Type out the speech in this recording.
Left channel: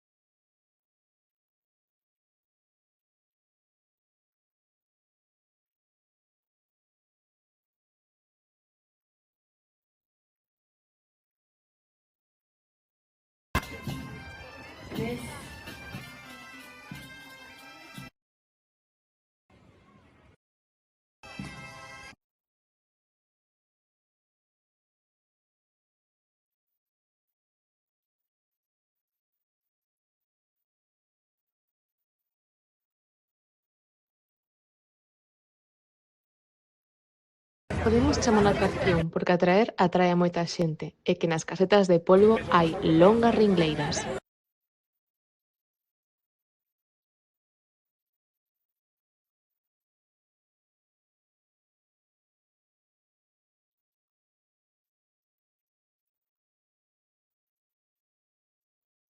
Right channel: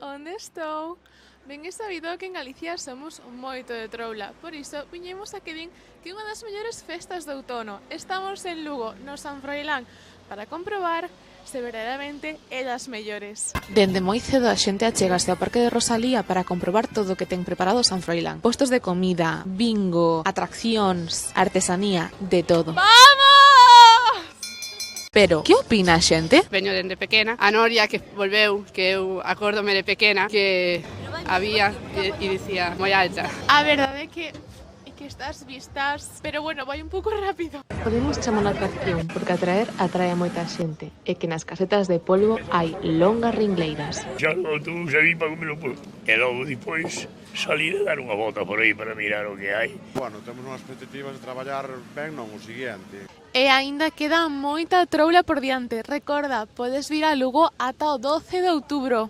Onde estou? Ben é sabido que en Galicia somos moito de troula, por iso viñemos a que din que é unha das mellores festas de outono. Estamos en Lugo, no San Froilán, para comprobar se verdadeiramente é das mellores. Dende moi cedo a xente achegase ao Parque de Rosalía para comprobar todo o que ten preparado San Froilán. Postos de comida, bingo, atraccións, artesanía, de todo. Vamos! Pero, que opina a xente? Veño dende pequena. A Noria que volveu, que eu acórdome de pequena, que había e dicía moi alta. A verdade é que estas vistas, pero bueno, vai un pouco rápido. Podemos chamar a atracción porque atrae a moita xente e que nas casetas de polvo hai longas ringleiras. Xa no autobús aí para comer o polvo. E logo depois salir a dar unha volta por aí para mirar o que hai. Bueno, temos unhas expectativas de traballar ben non o seguinte. E aínda queda moita troula por diante. Recorda, podes vir a Lugo ata o 12 de outubro.